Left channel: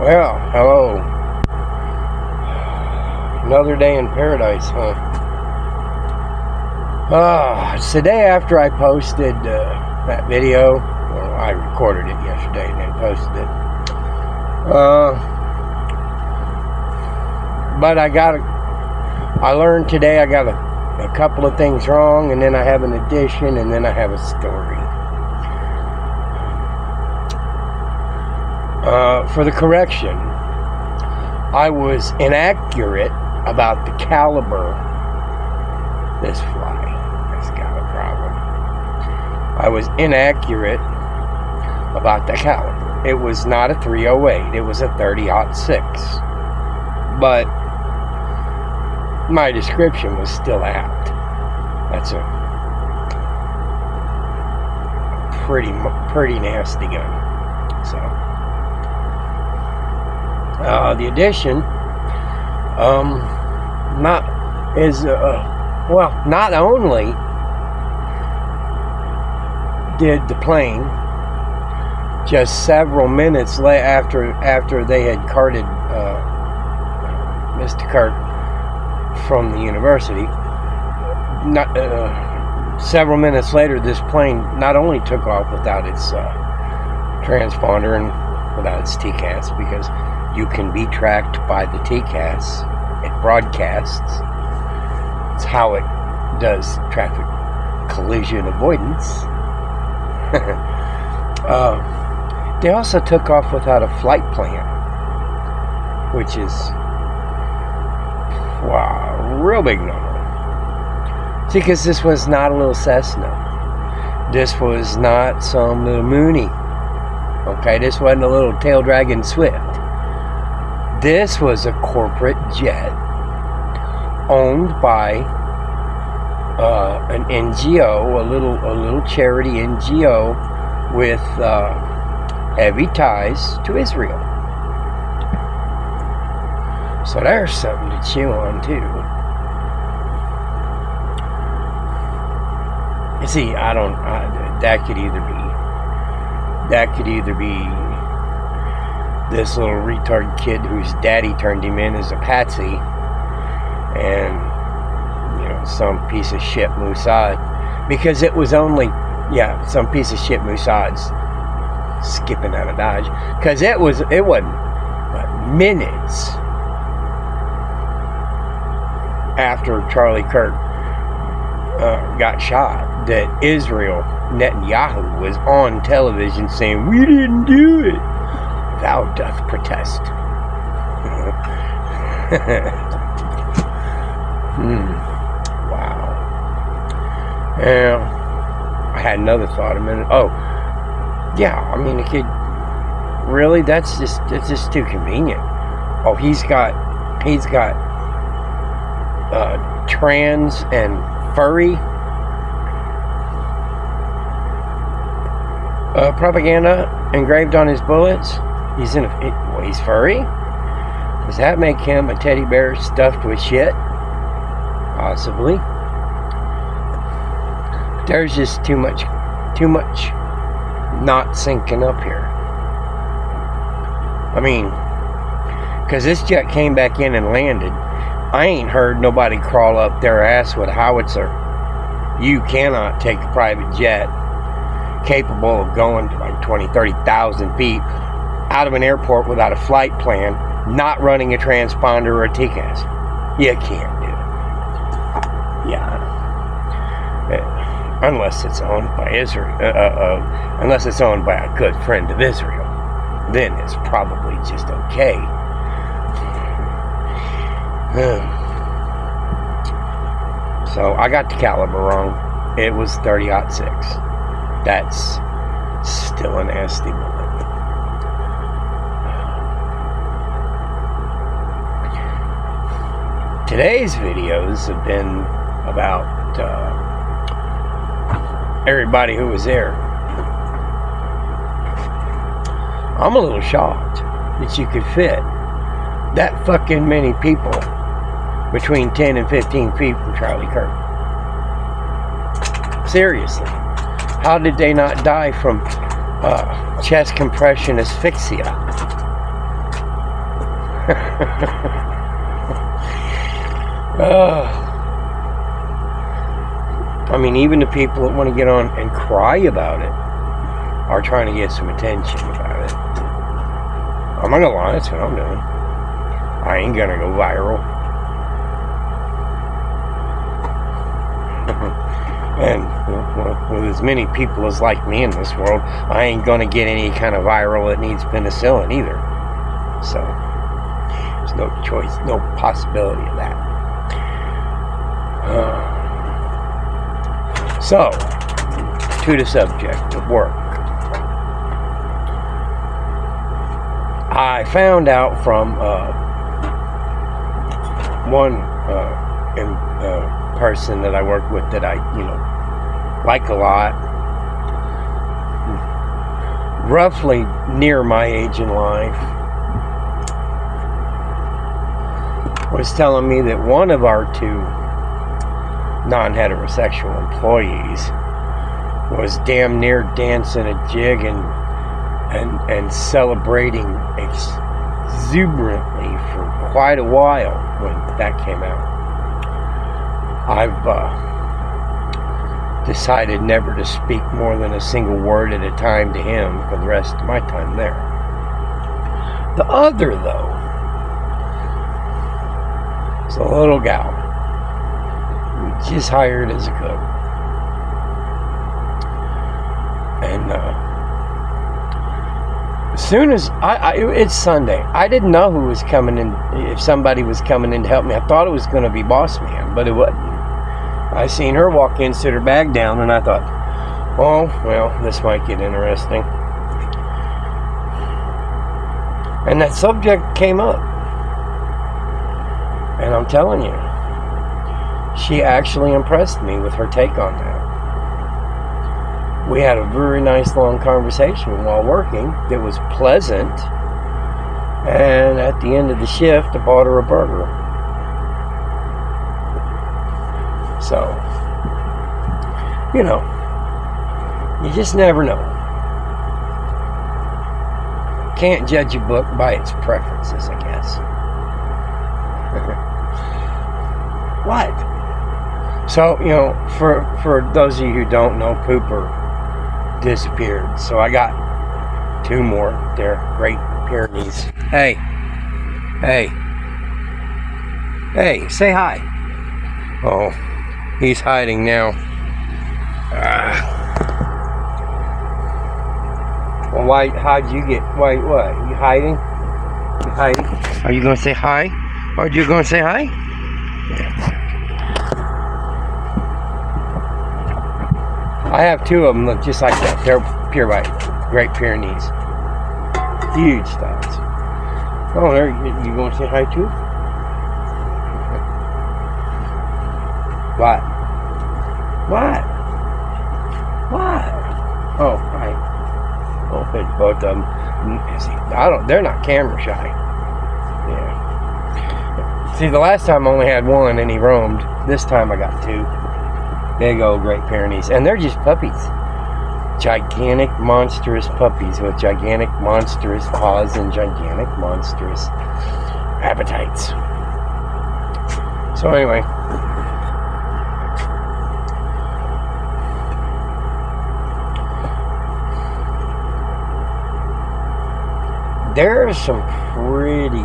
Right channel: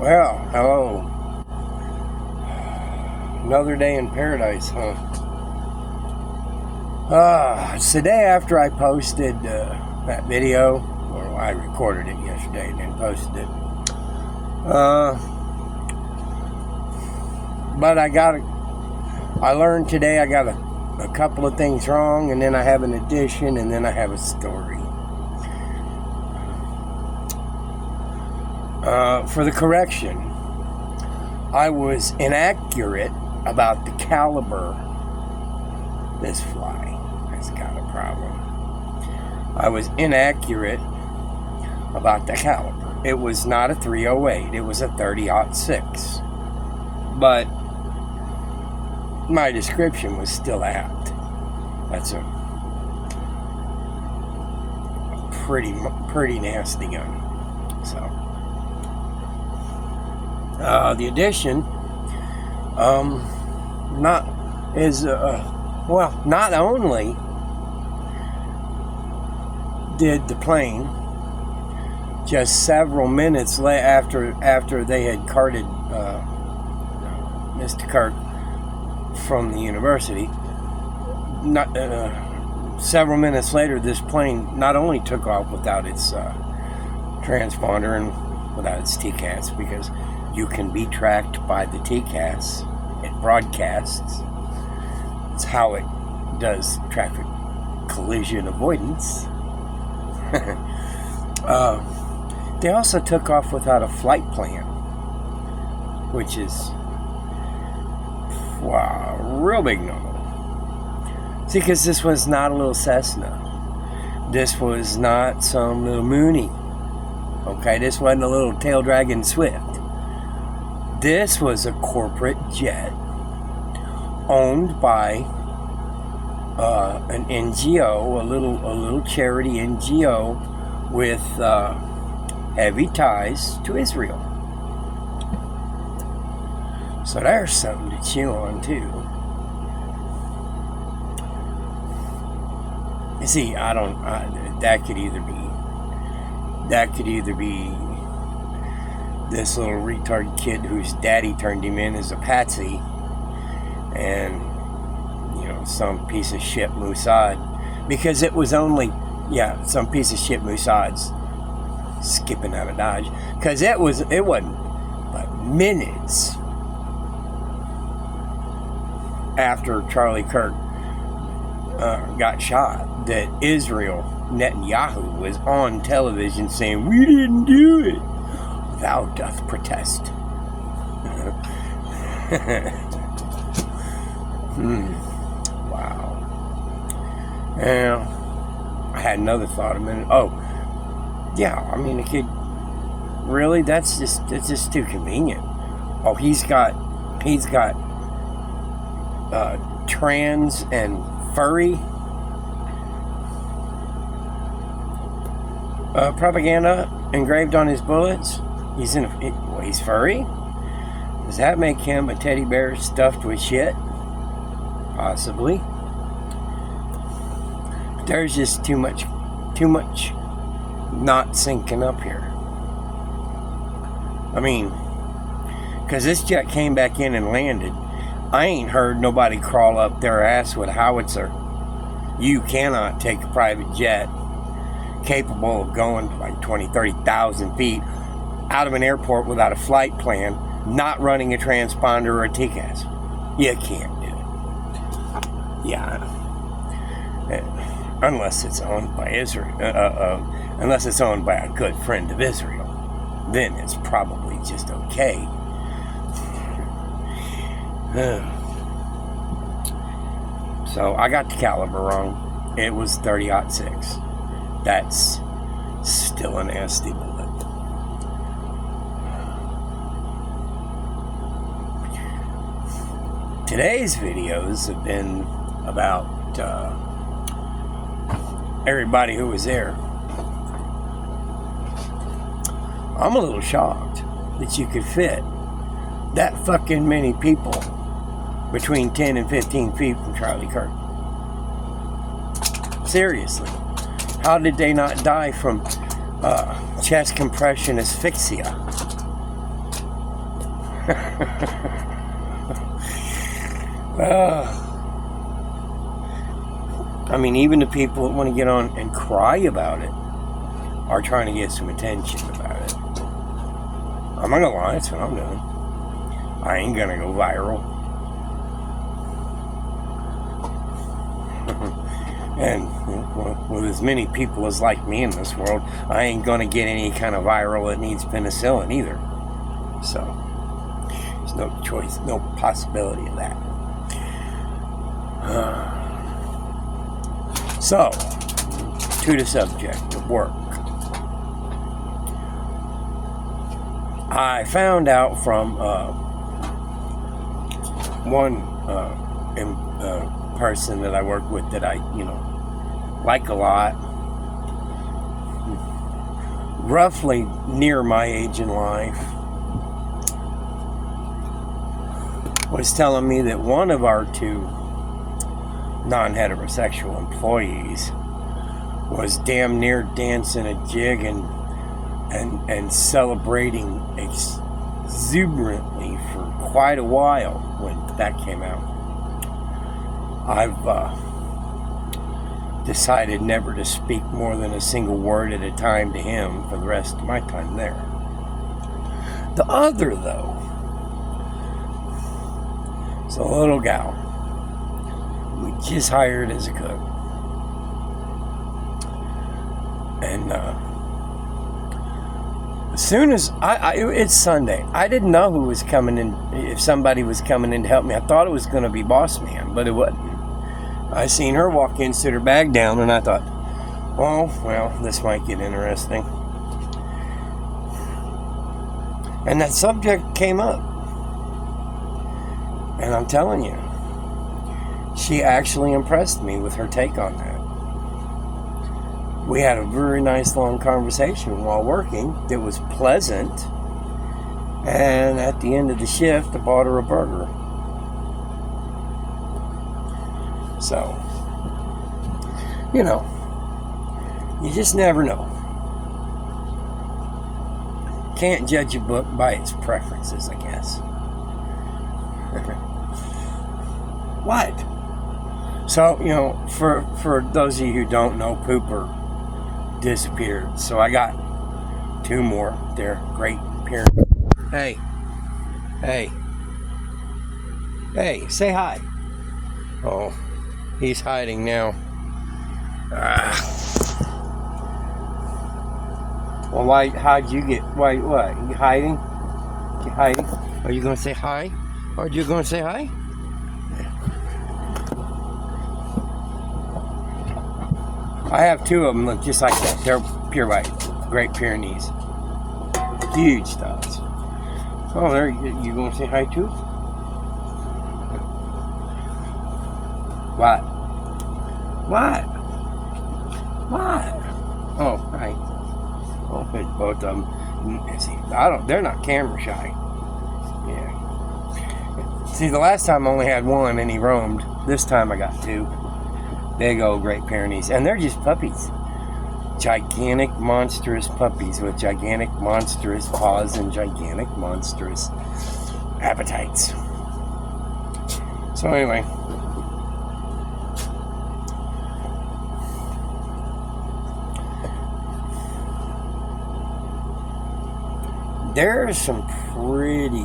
Well, hello. Another day in paradise, huh? It's the day after I posted that video. Well, I recorded it yesterday and then posted it. But I learned today I got a couple of things wrong, and then I have an addition, and then I have a story. For the correction, I was inaccurate about the caliber. This fly has got a problem. I was inaccurate about the caliber. It was not a 308. It was a 30-06. But my description was still apt. That's a pretty nasty gun. So, the addition, not only did the plane just several minutes after they had carted Mr. Kirk from the university, several minutes later, this plane not only took off without its transponder and without its TCAS, because you can be tracked by the TCAS. It broadcasts. It's how it does traffic collision avoidance. They also took off without a flight plan, which is real big no-no. See, because this was not a little Cessna. This was not some little Mooney. Okay, this wasn't a little tail dragging Swift. This was a corporate jet owned by an NGO, a little charity NGO with heavy ties to Israel. So there's something to chew on too. You see, that could either be this little retard kid whose daddy turned him in as a patsy, and some piece of shit Mossad, because it was only some piece of shit Mossad's skipping out of Dodge, because it wasn't but minutes after Charlie Kirk got shot that Israel Netanyahu was on television saying, "We didn't do it. Thou doth protest." Wow. Yeah. I had another thought a minute. Oh, yeah. I mean, it could really. It's just too convenient. Oh, he's got trans and furry propaganda engraved on his bullets. He's furry. Does that make him a teddy bear stuffed with shit? Possibly. There's just too much not syncing up here. I mean, because this jet came back in and landed. I ain't heard nobody crawl up their ass with a howitzer. You cannot take a private jet capable of going to like 20, 30,000 feet out of an airport without a flight plan, not running a transponder or a TCAS. You can't do it. Yeah. Unless it's owned by Israel. Unless it's owned by a good friend of Israel. Then it's probably just okay. So I got the caliber wrong. It was 30-06. That's still a nasty bullet. Today's videos have been about everybody who was there. I'm a little shocked that you could fit that fucking many people between 10 and 15 feet from Charlie Kirk. Seriously. How did they not die from chest compression asphyxia? I mean, even the people that want to get on and cry about it are trying to get some attention about it. I'm not gonna lie, that's what I'm doing. I ain't gonna go viral. And with as many people as like me in this world, I ain't gonna get any kind of viral that needs penicillin either. So there's no choice, no possibility of that. So, to the subject of work. I found out from one person that I work with that I, like a lot, roughly near my age in life, was telling me that one of our two non-heterosexual employees was damn near dancing a jig and celebrating exuberantly for quite a while when that came out. I've decided never to speak more than a single word at a time to him for the rest of my time there. The other, though, is a little gal we just hired as a cook. And as soon as it's Sunday, I didn't know who was coming in, if somebody was coming in to help me. I thought it was going to be Boss Man, but it wasn't. I seen her walk in, sit her bag down, and I thought, oh, well, this might get interesting. And that subject came up. And I'm telling you, she actually impressed me with her take on that. We had a very nice long conversation while working that was pleasant. And at the end of the shift, I bought her a burger. So, you just never know. Can't judge a book by its preferences, I guess. What? So, for those of you who don't know, Pooper disappeared. So I got two more. They're Great Pyrenees. Hey, say hi. Oh, he's hiding now. Well, what? You hiding? You hiding? Are you going to say hi? Are you going to say hi? I have two of them look just like that. They're pure white, Great Pyrenees. Huge studs. Oh, there, you going to say hi too? What? Oh, hi. Oh, it's both of them. They're not camera shy. Yeah. See, the last time I only had one and he roamed. This time I got two. Big old Great Pyrenees. And they're just puppies. Gigantic, monstrous puppies with gigantic, monstrous paws and gigantic, monstrous appetites. So anyway. There are some pretty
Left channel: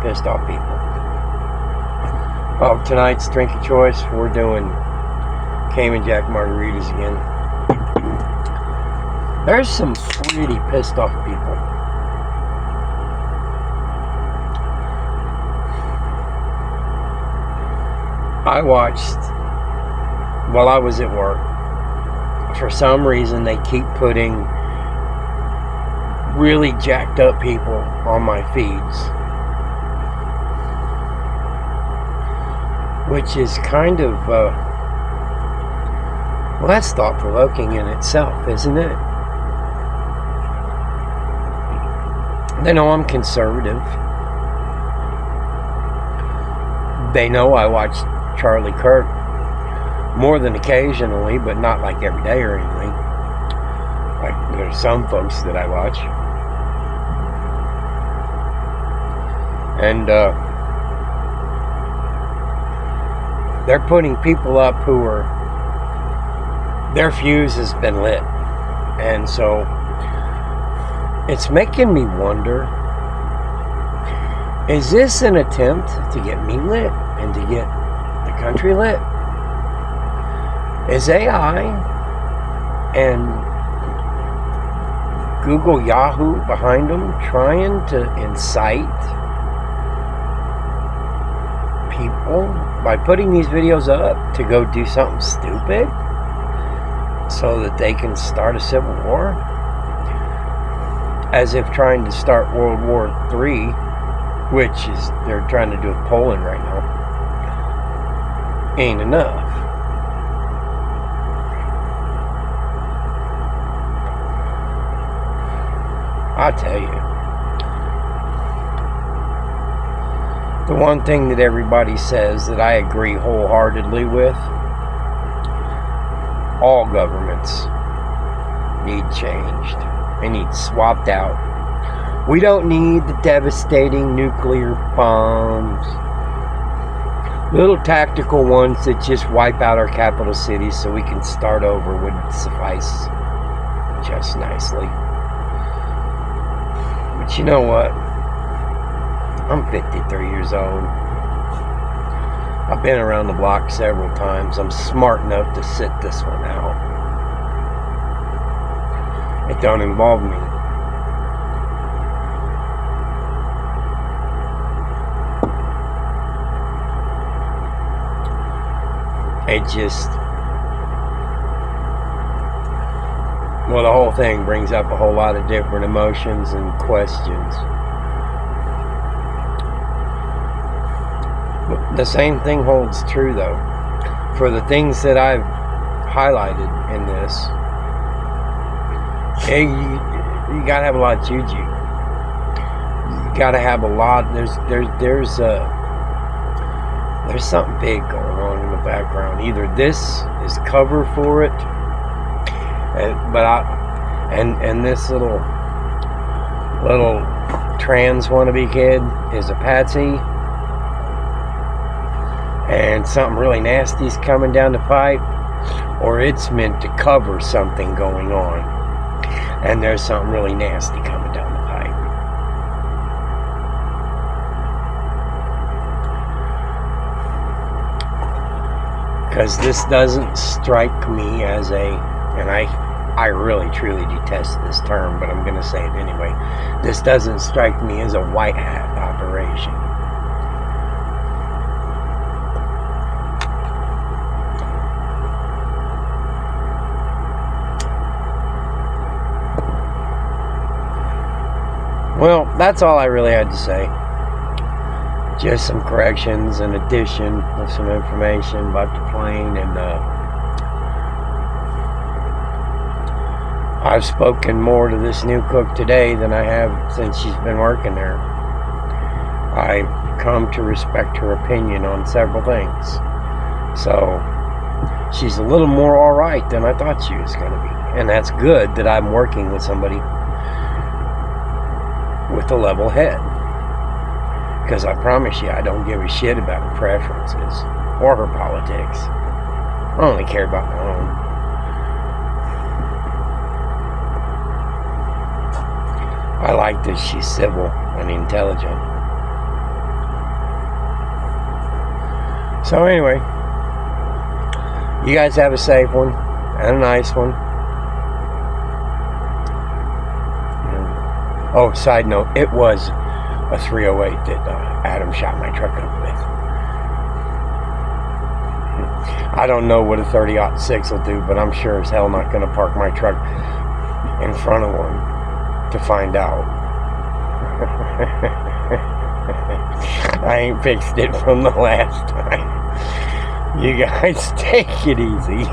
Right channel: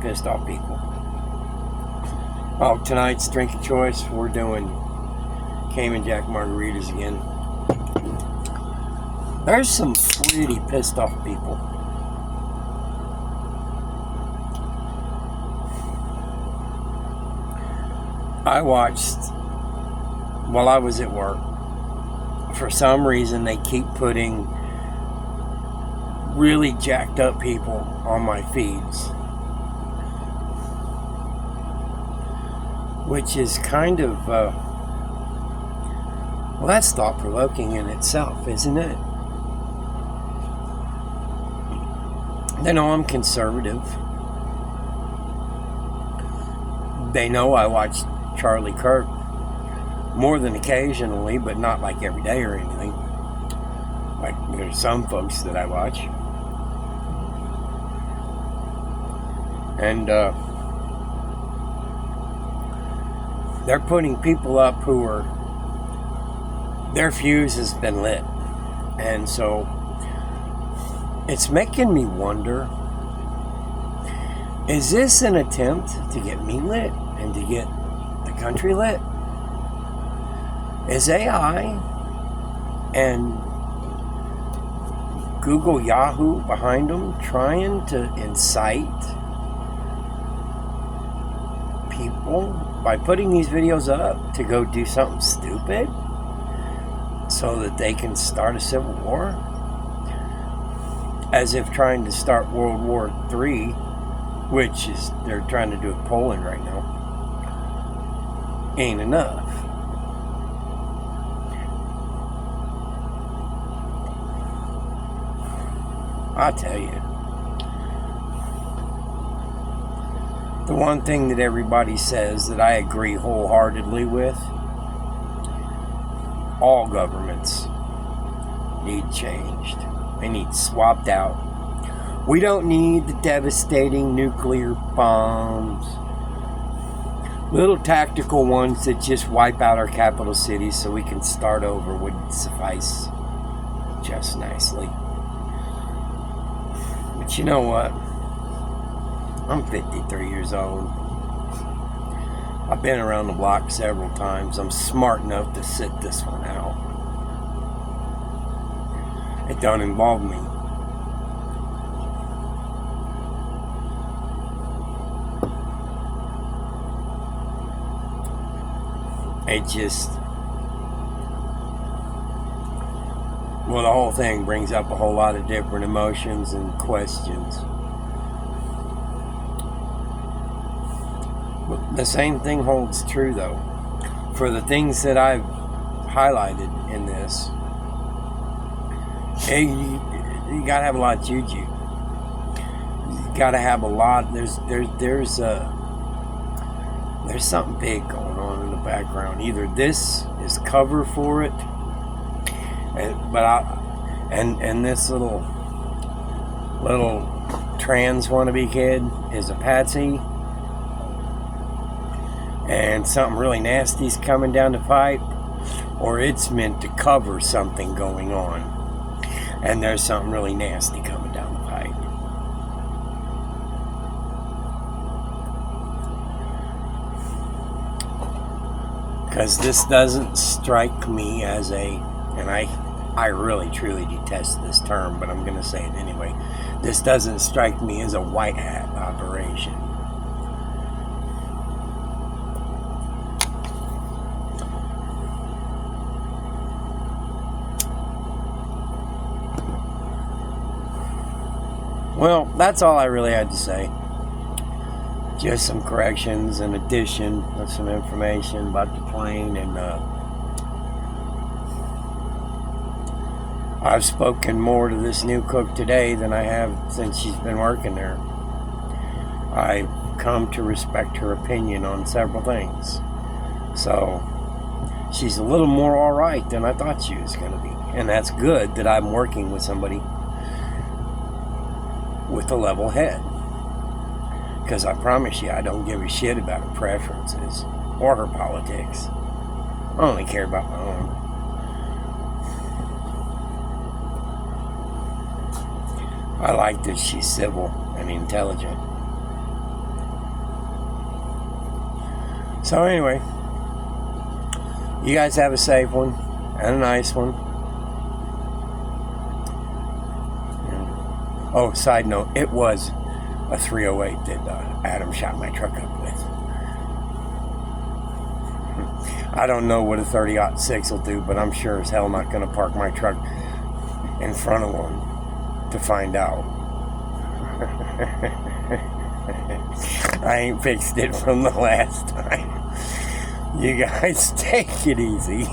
pissed off people. Oh, tonight's drink of choice, we're doing Cayman Jack margaritas again. There's some pretty pissed off people. I watched, while I was at work, for some reason they keep putting really jacked up people on my feeds, which is kind of well, that's thought-provoking in itself, isn't it? They know I'm conservative. They know I watch Charlie Kirk more than occasionally, but not like every day or anything. Like there's some folks that I watch. And they're putting people up who are, their fuse has been lit. And so it's making me wonder, is this an attempt to get me lit and to get the country lit? Is AI and Google, Yahoo behind them trying to incite people by putting these videos up to go do something stupid so that they can start a civil war? As if trying to start World War III, which is, they're trying to do it Poland right now, ain't enough. I'll tell you, the one thing that everybody says that I agree wholeheartedly with, all governments need changed. They need swapped out. We don't need the devastating nuclear bombs, little tactical ones that just wipe out our capital cities so we can start over would suffice just nicely. But you know what? I'm 53 years old. I've been around the block several times. I'm smart enough to sit this one out. It don't involve me. It just, well, the whole thing brings up a whole lot of different emotions and questions. But the same thing holds true, though. For the things that I've highlighted in this, you gotta have a lot of juju. You gotta have a lot. There's something big going on in the background. Either this is cover for it, and this little trans wannabe kid is a patsy, and something really nasty's coming down the pipe, or it's meant to cover something going on, and there's something really nasty coming down the pipe. Because this doesn't strike me as and I really truly detest this term, but I'm going to say it anyway. This doesn't strike me as a white hat operation. Well, that's all I really had to say. Just some corrections and addition of some information about the plane, and I've spoken more to this new cook today than I have since she's been working there. I've come to respect her opinion on several things. So she's a little more alright than I thought she was going to be. And that's good that I'm working with somebody with a level head. Because I promise you, I don't give a shit about her preferences or her politics. I only care about my own. I like that she's civil and intelligent. So anyway, you guys have a safe one and a nice one. Oh, side note, it was a 308 that Adam shot my truck up with. I don't know what a 30-06 will do, but I'm sure as hell not going to park my truck in front of one to find out. I ain't fixed it from the last time. You guys take it easy.